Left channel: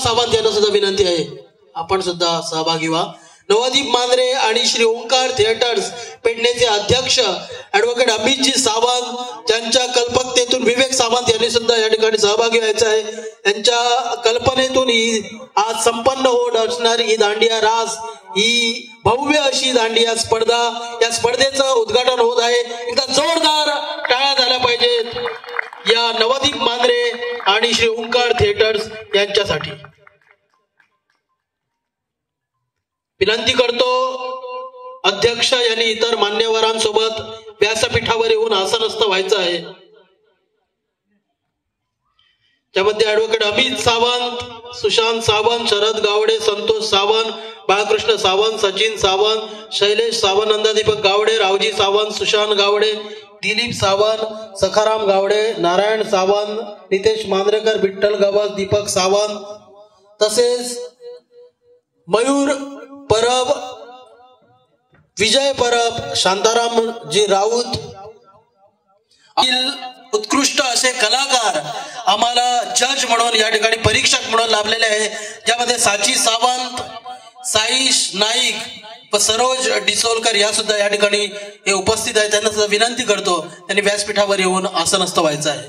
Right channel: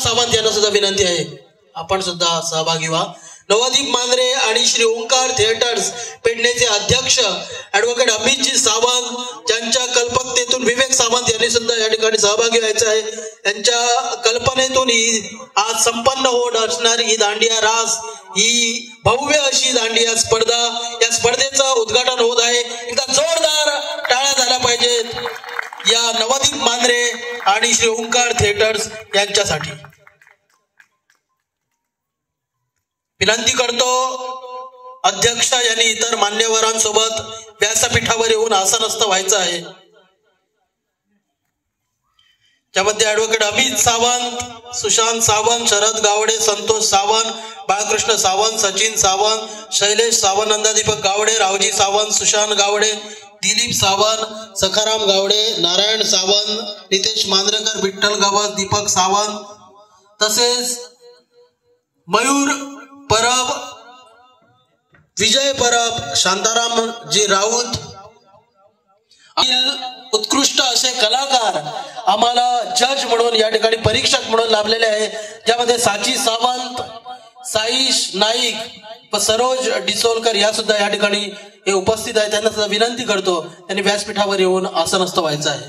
सावंत यांना सुद्धा विनंती आहे आपण सुद्धा सहभागी व्हा। नवदीप मांजरे आणि श्री ओंकार थिएटर्स पेडणेचे अध्यक्ष ॲडव्होकेट अमितजी सावंत, ज्यांच्या कल्पकतेतून विवेक सावंत यांनी सुद्धा या ठिकाणी सहभागी व्हायचं आहे। त्यांच्या कल्पनेतून ही आज संपन्न होत असणारी ही दांडिया रास, ही भव्य अशी दांडिया स्पर्धा, या स्पर्धेचं उद्घाटन होत आहे। एकदा जोरदार टाळ्या झाल्या पाहिजेत या नवदीप मांजरे आणि श्री ओंकार थिएटर्स यांच्यासाठी। विनंती करतो अध्यक्ष यांनी इतर मान्यवरांसोबत व्यासपीठावर येऊन आसनस्थ व्हायचं आहे। त्यामध्ये ॲडव्होकेट अमित सावंत, सुशांत सावंत, शरद गावडे, संतोष सावंत, बाळकृष्ण सावंत, सचिन सावंत, शैलेश सावंत, नंदादीपक गावडे, रावजी सावंत, सुशांत गावडे, दिलीप सावंत, सखाराम गावडे, नारायण सावंत, नितेश मांजरेकर, विठ्ठल गवस, दीपक सावंत, तसेच मयूर परब, विजय परब, शांताराम जी राऊत, उत्कृष्ट असे कलाकार आम्हाला जज म्हणून या ठिकाणी परीक्षक म्हणून लाभलेले आहे, ज्यामध्ये साची सावंत, साईश नाईक व सरोज डिसोलकर या सुद्धा या ठिकाणी हे उपस्थित आहेत। त्यांना सुद्धा विनंती करतो त्यांनी व्यासपीठावर येऊन आसनस्थ व्हायचं आहे।